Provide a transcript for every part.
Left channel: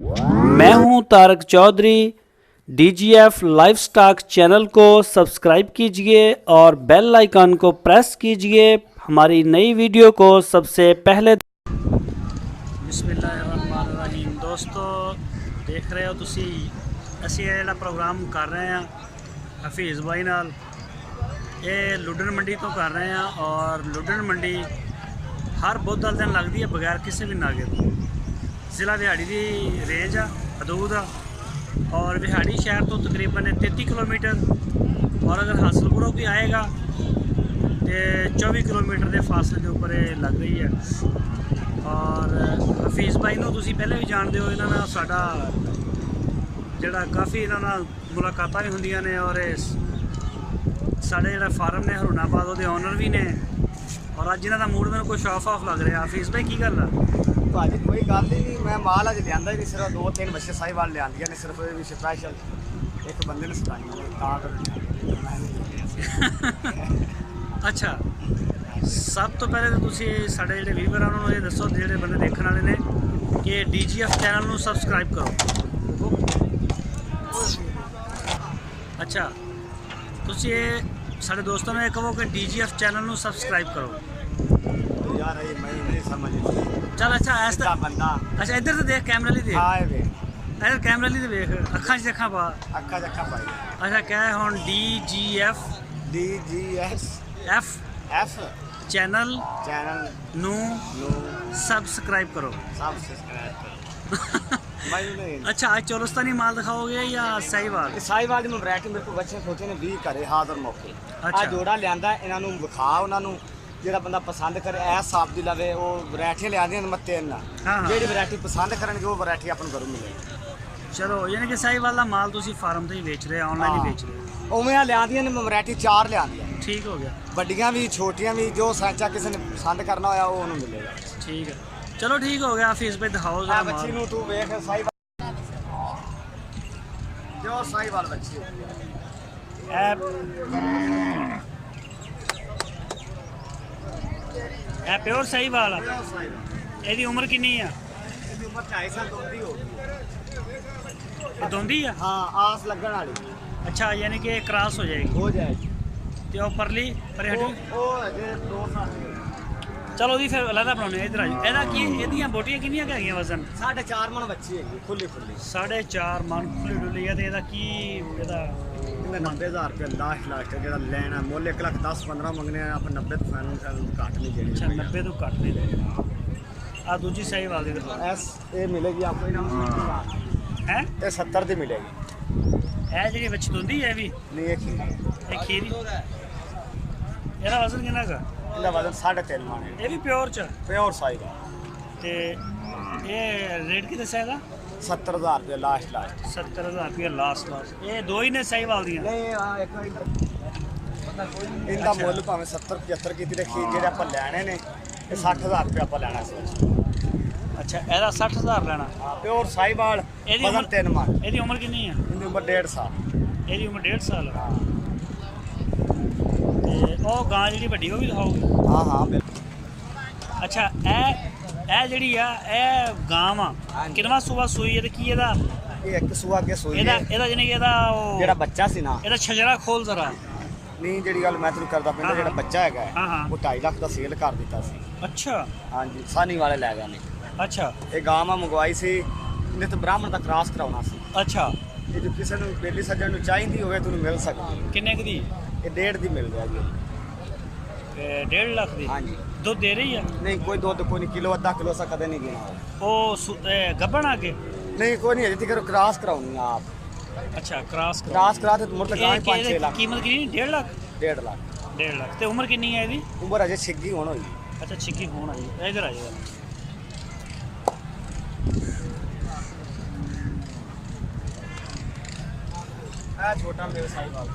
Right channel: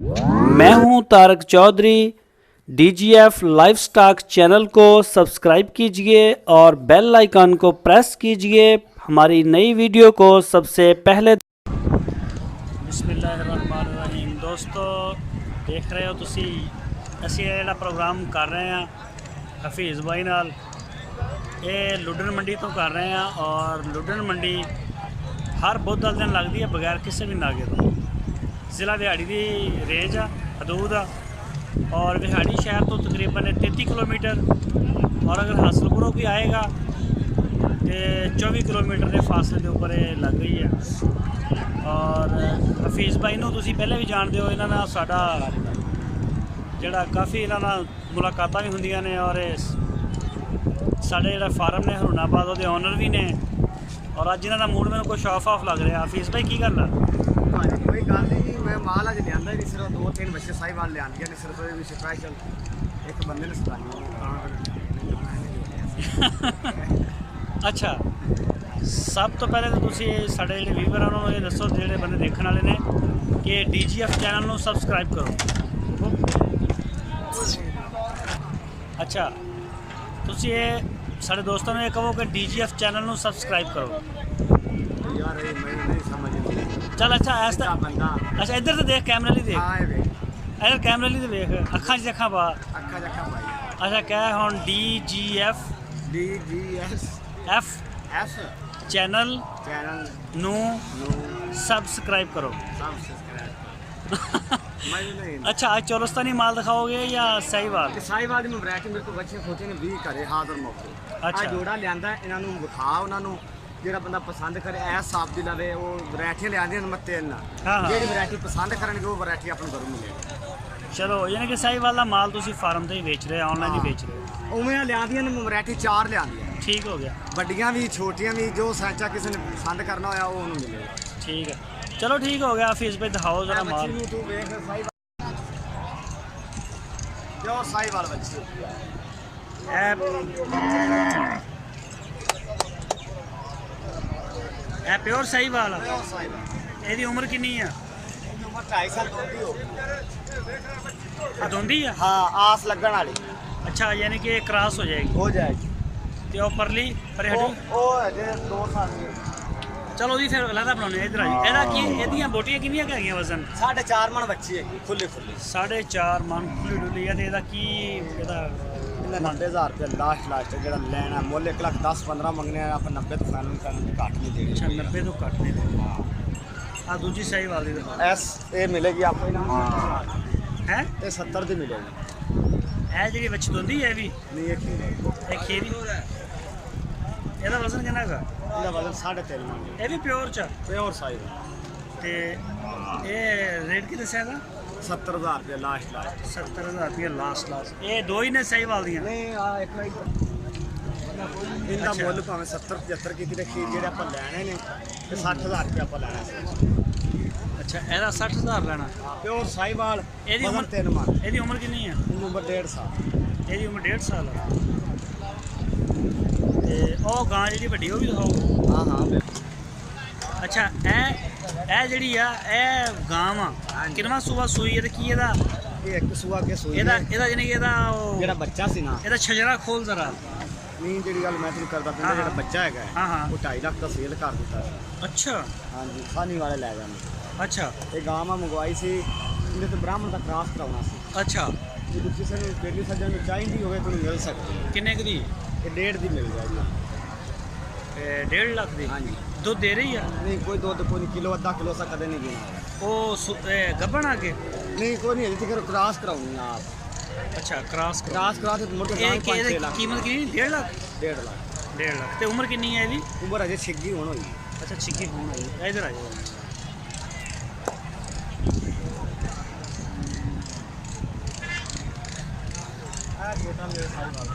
मैं हूं Tarak Chaudhary. DGF livestock channel को सब्सक्राइब कीजिए और बेल आइकन को प्रेस कीजिए हमारी नई वीडियो को सबसे पहले। बिस्मिल्लाहिर्रहमानिर्रहीम। दोस्तों देख रहे हो तुसी ਅਸੀਂ ਜਿਹੜਾ ਪ੍ਰੋਗਰਾਮ ਕਰ ਰਹੇ ਹਾਂ ਹਫੀਜ਼ ਬਾਈ ਨਾਲ, ਇਹ ਲੁੱਡਣ ਮੰਡੀ ਤੋਂ ਕਰ ਰਹੇ ਹਾਂ ਔਰ ਲੁੱਡਣ ਮੰਡੀ ਹਰ ਬੁੱਧਵਾਰ ਦਿਨ ਲੱਗਦੀ ਹੈ ਬਗੈਰ ਕਿਸੇ ਵੀ ਨਾਗੇ ਤੋਂ। ਜ਼ਿਲ੍ਹਾ ਵਿਹਾੜੀ ਦੀ ਰੇਂਜ ਆ, ਹਦੂਦ ਆ और विहाड़ी शहर तो तकरीबन 33 किलोमीटर और अगर हासलपुरों की आएगा तो 24 किलोमीटर के फासले के उपर लग रही है। और हफीज़ भाई नूं तुसीं पहले भी जानते हो, इन्हां नाल साडा जिहड़ा काफ़ी इन्हां नाल मुलाकातां भी हुंदियां ने और साडे जिहड़ा फार्म ने हरुणाबाद उहदे ओनर भी ने और अज इन्हां दा मूड मैनूं कुछ ऑफ ऑफ लग रहा। हफीज़ भाई की गल है? भाजी कोई गल ही नहीं, मैं माल अज लिया ही नहीं, सिर्फ 2-3 बच्चे साहिवाल लिया नहीं, सिर्फ भी स्पैशल एक बंदे ने सताइयां अच्छा, सब तो पहले तो तुसी साडे जिहड़े व्यूवर हैं उन्होंने ये दसो, जिहड़े बंदे देखने वाले ने कि DGF चैनल नूं सबसक्राइब करो। अच्छा, तुसी ये साडे दोस्तों ने कहो कि DGF चैनल नूं सबसक्राइब करो यार, ये मैं नहीं समझ नहीं। चल अच्छा ऐसा बंदा, अच्छा इधर तो देख, कैमरे ली देख, हां वे इधर कैमरे ली देख, अखां च अखां पा, अक्का जक्का पाई। अच्छा क्या है हुण DGF DGF चैनल नू नो सब्सक्राइब करो। सब्सक्राइब करो मैं नहीं। अच्छा, आज चौलस्तानी माल दिखाओगे या साहिवाल? साहिवाल ਦੀ ਵੈਰਾਈਟੀ ਮੇਰੇ ਕੋਲ ਬੱਚੇ ਖੋਤੇ ਨੇ 20 ਘਰੇ ਹਾਜ਼ਰ ਮੌਕੇ। अच्छा। ਆ ਜੋੜਾ ਲਿਆਂਦਾ, ਇਹਨਾਂ ਨੂੰ ਵਿਖਾ, ਉਹਨਾਂ ਨੂੰ ਜਿਹੜਾ ਬੰਦਾ ਪਸੰਦ ਕਰੇ ਐ ਸਾਫ ਦੀ ਲਵੇ, ਉਹ ਵੈਰਾਈਟੀਆਂ ਲਿਆਂਦੀਆਂ ਮੱਤੇ ਨਾਲ, हाँ हाँ ਜਿਹੜੀ ਵੈਰਾਈਟੀ ਪਸੰਦ ਕਰਨਗੇ ਉਹ ਵੈਰਾਈਟੀ ਆਪਾਂ ਨੂੰ ਘਰੋਂ ਮਿਲੇਗੀ। चलो, यानी कि साहिवाल का माल तुसी फार्म से ही बेच रहे, ऑनलाइन ही बेच रहे? ਉਵੇਂ ਆ ਲਿਆਂਦੀਆਂ ਨੇ ਵੈਰਾਈਟੀ 4 ਲਿਆਂਦੀਆਂ, ठीक हो गया, ਵੱਡੀਆਂ ਵੀ ਛੋਟੀਆਂ ਵੀ, ਜੋ ਸਾਂਚਾ ਕਿਸੇ ਨੇ ਪਸੰਦ ਕਰਨਾ ਹੋਇਆ ਉਹ ਉਹਨੂੰ ਮਿਲੇਗਾ। ठीक है, चलो ठीक हो गया। हफीज़ भाई दिखाओ जरा ਬੱਚੀ माल। ਨੂੰ ਤੂੰ ਵੇਖ, ਸਾਈਵਾਲ ਜੋ ਸਾਈਵਾਲ ਬੱਚੀ ए प्योर साहिवाल आ। ਜੋ ਸਾਈਵਾਲ ਇਹਦੀ ਉਮਰ ਕਿੰਨੀ ਆ? ਇਹਦੀ ਉਮਰ 2.5 ਸਾਲ ਦੋਂਦੀ ਹੋ ਗਈ। ਇਹ ਦੋਂਦੀ ਆ? ਹਾਂ, ਆਸ ਲੱਗਣ ਵਾਲੀ अच्छा, यानी कि क्रॉस हो जाएगी। ਹੋ ਜਾਏਗੀ। ਤੇ ਉਹ ਪਰਲੀ ਪਰੇ ਹਟੀ। ਉਹ ਅਜੇ 2 ਸਾਲ ਦੀ। ਚਲੋ ਜੀ ਫਿਰ ਅਲੱਗਾ ਬਣਾਉਣੇ ਇਧਰ ਆ ਜੀ। ਇਹਦਾ ਕੀ, ਇਹਦੀਆਂ ਬੋਟੀਆਂ ਕਿੰਨੀਆਂ ਕੁ ਹੈਗੀਆਂ ਵਜ਼ਨ? 4.5 ਮਣ ਬੱਚੀ ਹੈਗੀ, ਖੁੱਲੀ 4.5 ਮਣ ਖੁੱਲੀ ਡੁੱਲੀ ਆ। ਤੇ ਇਹਦਾ ਕੀ, ਇਹਦਾ 90,000 ਰੁਪਏ ਲਾਸਟ ਜਿਹੜਾ ਲੈਣਾ ਮੁੱਲ 1,10-15 ਮੰਗਨੇ ਆ, ਆਪਾਂ 90 ਤੋਂ ਫਾਈਨਲ ਕਰਨ ਘੱਟ ਨਹੀਂ ਦੇਣੀ। ਅੱਛਾ, 90 ਤੋਂ ਘੱਟ ਨਹੀਂ ਦੇ। ਆ ਦੂਜੀ ਸਾਹੀਵਾਲ ਦੀ ਦਿਖਾਓ। ਇਹ ਮਿਲੇਗੀ ਆਪको ਇਹਨਾਂ ਨੂੰ ਹੈ ਇਹ 70 ਦੀ ਮਿਲੇਗੀ। ਇਹ ਜਿਹੜੀ ਵਿੱਚ ਦੁੰਦੀ ਹੈ ਵੀ ਨਹੀਂ, ਇਹ ਇਹ ਖੀਰੀ, ਇਹਦਾ ਵਜ਼ਨ ਕਿੰਨਾ ਹੈਗਾ? ਇਹਦਾ ਵਜ਼ਨ 3.5 ਮਣ ਇਹ ਵੀ ਪਿਓਰ ਚ ਪਿਓਰ ਸਾਈਜ਼। ਤੇ ਇਹ ਰੇਟ ਕੀ ਦੱਸਿਆ ਇਹਦਾ? 70,000 ਰੁਪਏ ਲਾਸਟ 70,000 ਰੁਪਏ ਲਾਸਟ। ਇਹ ਦੋ ਹੀ ਨੇ ਸਾਹੀਵਾਲ ਦੀਆਂ? ਨਹੀਂ, ਆ ਇੱਕ ਇਹਦਾ ਅੱਛਾ। ਮੁੱਲ ਭਾਵੇਂ 70-75 ਕੀਤੀ ਦੇਖੀ, ਜਿਹੜੇ ਆਪਾਂ ਲੈਣੇ ਨੇ ਇਹ 60,000 ਰੁਪਏ ਆਪਾਂ ਲੈਣਾ ਸੀ। ਅੱਛਾ, ਇਹਦਾ 60,000 ਲੈਣਾ। ਪਿਓਰ ਸਾਈਵਾਲ। ਇਹਦੀ ਉਮਰ 3 ਮਣ। ਇਹਦੀ ਉਮਰ ਕਿੰਨੀ ਆ? ਇਹਦੀ ਉਮਰ 1.5 ਸਾਲ। ਇਹਦੀ ਉਮਰ 1.5 ਸਾਲ ਆ। ਤੇ ਉਹ ਗਾਂ ਜਿਹੜੀ ਵੱਡੀ ਉਹ ਵੀ ਦਿਖਾਓਗੇ? ਹਾਂ ਹਾਂ ਬਿਲਕੁਲ। ਅੱਛਾ, ਇਹ ਜਿਹੜੀ ਆ ਇਹ ਗਾਂ ਵਾ, ਕਿੰਨਵਾਂ ਸੂਆ ਸੂਈ ਹੈ ਤੇ ਕੀ ਇਹਦਾ? ਇਹ ਇੱਕ ਸੂਆ ਕੇ ਸੂਈ ਇਹਦਾ ਜਾਨੀ ਕਿ ਇਹਦਾ ਉਹ ਜਿਹੜਾ ਬੱਚਾ ਸੀ ਨਾ, ਇਹਦਾ ਛਜਰਾ ਖੋਲ ਜ਼ਰਾ। ਨਹੀਂ ਜਿਹੜੀ ਗੱਲ ਮੈਂ ਤੈਨੂੰ ਕਰਦਾ ਪਿਆ, ਜਿਹੜਾ ਬੱਚਾ ਹੈਗਾ ਹਾਂ ਹਾਂ। ਉਹ 2.5 ਲੱਖ ਦਾ ਸੇਲ ਕਰ ਦਿੱਤਾ ਸੀ। ਅੱਛਾ ਹਾਂਜੀ, ਸਾਨੀ ਵਾਲੇ ਲੈ ਗਏ ਨੇ। ਅੱਛਾ ਇਹ ਗਾਂ ਮੈਂ ਮੰਗਵਾਈ ਸੀ, ਇਹਨੇ ਤਾਂ ਬ੍ਰਾਹਮਣ ਦਾ ਕ੍ਰਾਸ ਕਰਾਉਣਾ ਸੀ। ਅੱਛਾ, ਇਹ ਜੇ ਕਿਸੇ ਨੂੰ ਪਹਿਲੀ ਸੱਜਣ ਨੂੰ ਚਾਹੀਦੀ ਹੋਵੇ ਤੁਹਾਨੂੰ ਮਿਲ ਸਕਦੀ। ਕਿੰਨੇ ਕੁ ਦੀ? ਇਹ 1.5 ਦੀ ਮਿਲ ਜਾਏਗੀ। ਤੇ 1.5 ਲੱਖ ਦੀ? ਹਾਂਜੀ। ਦੁੱਧ ਦੇ ਰਹੀ ਆ? ਨਹੀਂ, ਕੋਈ ਦੁੱਧ ਕੋਈ ਨਹੀਂ, ਕਿਲੋ ਅੱਧਾ ਕਿਲੋ ਸਾ ਕਦੇ ਨਹੀਂ ਦੇਣਾ। ਉਹ ਗੱਭਣ ਆ ਕੇ? ਨਹੀਂ, ਕੋਈ ਨਹੀਂ, ਅਜੇ ਤੱਕ ਕ੍ਰਾਸ ਕਰਾਉਣੀ ਆ ਆਪ। ਅੱਛਾ, ਕ੍ਰਾਸ ਕ੍ਰਾਸ ਕਰਾ ਤੇ ਮੁੜ ਕੇ ਇਹ ਇਹਦੀ ਕੀਮਤ ਕਿੰਨੀ? 1.5 ਲੱਖ? 1.5 ਲੱਖ। 1.5 ਲੱਖ। ਤੇ ਉਮਰ ਕਿੰਨੀ ਹੈ ਇਹਦੀ? ਉਮਰ ਅਜੇ ਛਿੱਗੀ ਹੋਣ ਹੋਈ। ਅੱਛਾ, ਛਿੱਕੀ ਹੋਣ ਆਈ। ਇਧਰ ਆ ਜਾਏਗਾ। ਛੋਟਾ ਮੇਰੇ ਸਾਈਵਾਲ।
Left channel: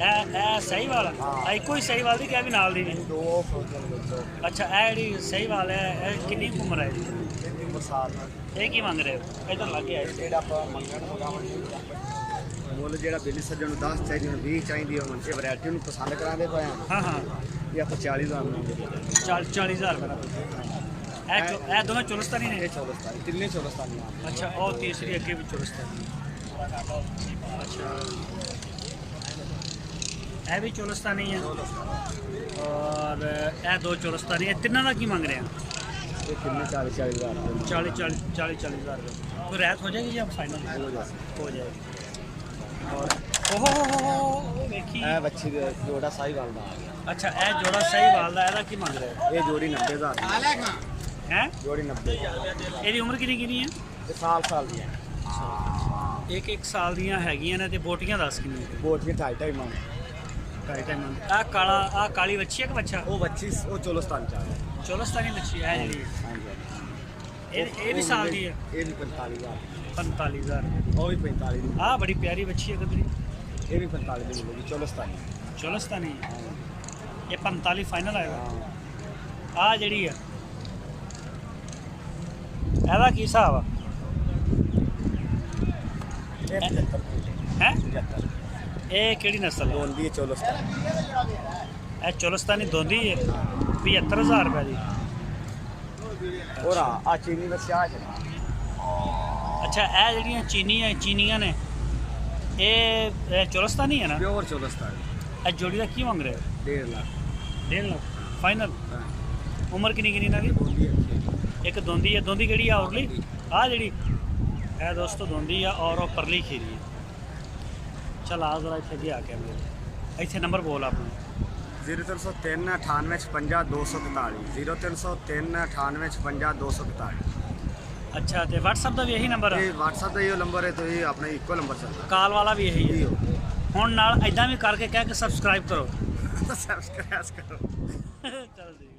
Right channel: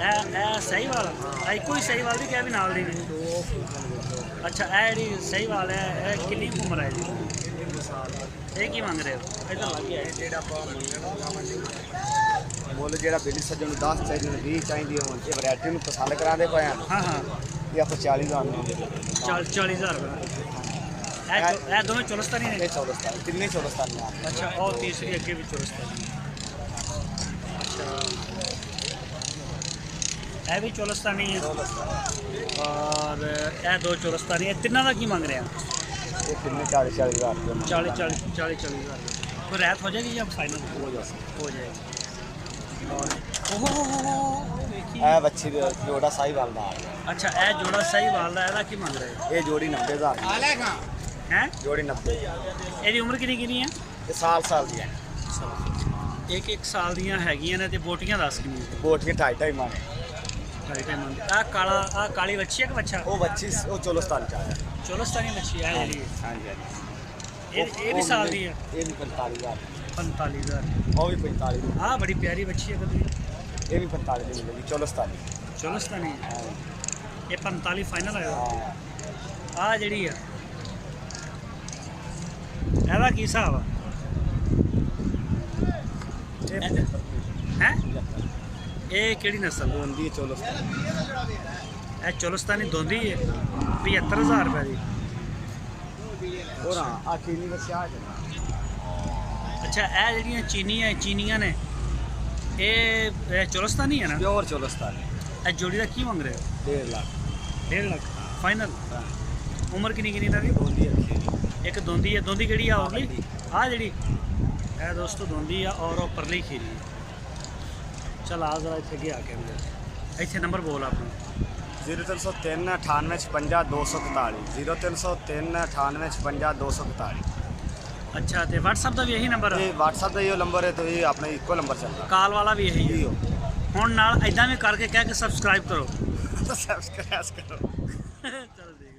ਇਹ ਸਾਹੀਵਾਲ ਆ? ਇੱਕੋ ਹੀ ਸਾਹੀਵਾਲ ਦੀ ਕਿ ਵੀ ਨਾਲ ਦੀ ਵੀ? ਦੋ ਫੋਟੋ ਵਿੱਚੋਂ। ਅੱਛਾ, ਇਹ ਜਿਹੜੀ ਸਾਹੀਵਾਲ ਹੈ ਇਹ ਕਿੰਨੀ ਕੁ ਉਮਰ ਹੈ ਜੀ? ਉਮਰ ਸਾਲ ਆ। ਇਹ ਕੀ ਮੰਗ ਰਹੇ ਹੋ? ਇੱਧਰ ਲੱਗ ਗਿਆ ਜਿਹੜਾ ਆਪਾਂ ਮੰਗਣਾ ਲਾਵਣ ਨਹੀਂ ਮੁੱਲ ਜਿਹੜਾ ਬਿੱਲੀ ਸੱਜਣ ਨੂੰ 10 ਚਾਹੀਦੀ ਨੂੰ 20 ਚਾਹੀਦੀ ਹੋਣ ਤੇ ਵੈਰਾਈਟੀ ਨੂੰ ਪਸੰਦ ਕਰਾਉਂਦੇ ਪਏ ਆ। ਹਾਂ ਹਾਂ, ਇਹ ਆਪਾਂ 40,000 ਨੂੰ 40,000 ਰੁਪਏ ਦਾ। ਇਹ ਦੋਵੇਂ ਚੁਲਸਤਾਨੀ ਨੇ। ਇਹ ਚੌਲਸਤਾਨੀ, ਤਿੰਨੇ ਚੌਲਸਤਾਨੀ ਆ। ਅੱਛਾ, ਉਹ ਤੀਸਰੀ ਅੱਗੇ ਵੀ ਚੁਲਸਤਾਨੀ ਹੈ। ਅੱਛਾ, ਇਹ ਵੀ ਚੁਲਸਤਾਨੀ ਹੈ ਔਰ ਇਹ ਦੋ ਚੁਲਸਤਾਨੀ ਹੈ। ਤਿੰਨਾਂ ਦਾ ਕੀ ਮੰਗ ਰਹੇ ਆ? ਇਹ ਤਿੰਨੇ 40-40 ਹਜ਼ਾਰ ਰੁਪਏ 40,000 रुपये। कोई रायत हो जाएगी या फाइनल हो जाएगी? और ओहो देखिए, ਇਹ ਬੱਚੀ ਦੇ ਜੋੜਾ ਸਾਹੀਵਾਲ ਦਾ अच्छा ए जोड़ा सही वाल दा, की मंग रहे हो? ਇਹ ਜੋੜੀ 90,000 हैं? ਜੋੜੀ 90 ਇਹਦੀ ਉਮਰ ਕਿੰਨੀ ਕਿੰਨੀ ਹੈ? ਇਹ ਸਾਲ ਦੀ ਹੈ। ਇੱਕ ਸਾਲ ਦੀਆਂ ਹੈਗੀਆਂ ਨੇ। ਤੇ ਬੋਟੀਆਂ ਦੱਸ ਕਿੰਨੀਆਂ ਨੇ? ਕੋਠੀ 2.5 ਮੰਨ। 2.5 ਮੰਨ। ਆ ਕਾਲੀ ਬੱਚੀ ਹੈ ਕਿ ਬੱਚਾ? ਉਹ ਬੱਚੀ ਉਹ ਚੌਲਸਤਾਨੀ ਚ ਆ। ਚੋਲਸਤਾਨੀ ਬੱਚੀ ਹੈ ਜਿਹੜੀ। ਹਾਂਜੀ ਇਹ ਵੀ ਸਾਲ ਦੀ ਹੈ। ਇਹ ਵੀ 45,000। 45,000। ਉਹ ਵੀ 45 ਦੀ। ਆ ਬੜੀ ਪਿਆਰੀ ਬੱਚੀ ਹੈ ਕਦਰੀ। ਇਹ ਵੀ 45 ਦੀ ਮਿਲੇਗੀ ਚੌਲਸਤਾਨੀ। ਚੋਲਸਤਾਨੀ ਇਹ 45 ਫਾਈਨਲ ਆਏਗਾ। ਹਾਂ ਆ ਜਿਹੜੀ ਆ ਇਹਦਾ ਕੀ ਹਿਸਾਬ ਆ? ਹੈ ਇਹ ਕਿਹੜੀ ਨਸਲ ਹੈ? ਹੁੰਦੀ ਹੈ ਚੌਲਸਤਾਨੀ। ਇਹ ਚੋਲਸਤਾਨੀ ਦੋਂਦੀ ਹੈ 75,000 ਰੁਪਏ ਦੀ। ਹੋਰ ਆ ਚੀਨੀ ਬੱਚੀ ਆ ਜਨਾ। ਅੱਛਾ, ਇਹ ਜਿਹੜੀਆਂ ਚੀਨੀਆਂ ਨੇ ਇਹ ਚੋਲਸਤਾਨੀ ਹੈ ਨਾ? ਪਿਓਰ ਚੌਲਸਤਾਨੀ। ਇਹ ਜੋੜੀ ਦਾ ਕੀ ਮੰਗ ਰਹੇ ਹੋ? 1.5 ਲੱਖ। 1.5 ਲੱਖ ਫਾਈਨਲ। ਉਮਰ ਕਿੰਨੀ ਇਹਨਾਂ ਦੀ? ਦੋਂਦੀ ਅੱਖੀ। ਇੱਕ ਦੋਂਦੀ ਹੈ। ਦੋਂਦੀ ਕਿਹੜੀ ਆ? ਉਰਲੀ ਆ ਜਿਹੜੀ ਇਹ ਦੋਸਤੋ ਦੋਂਦੀ ਆ ਔਰ ਉਹ ਪਰਲੀ ਖੀਰੀ ਹੈ। ਚੱਲ ਆ ਜ਼ਰਾ ਇੱਥੇ ਅੱਗੇ ਆ ਕੇ ਮੇਰੇ ਇੱਥੇ ਨੰਬਰ ਬੋਲ ਆਪਣਾ। 0303 98 56 241 0303 98 56 241। ਅੱਛਾ, ਤੇ WhatsApp ਦਾ ਵੀ ਇਹੀ ਨੰਬਰ ਹੈ? ਇਹ WhatsApp ਦਾ ਇਹ ਨੰਬਰ ਹੈ ਤੇ ਇਹ ਆਪਣਾ ਇੱਕੋ ਨੰਬਰ ਚੱਲਦਾ। ਕਾਲ ਵਾਲਾ ਵੀ ਇਹੀ ਹੈ। ਇਹੋ ਹੁਣ ਨਾਲ ਐਦਾਂ ਵੀ ਕਰਕੇ ਕਹਿ ਕੇ ਸਬਸਕ੍ਰਾਈਬ ਕਰੋ। ਸਬਸਕ੍ਰਾਈਬ ਕਰੋ। ਚੱਲ ਜੀ।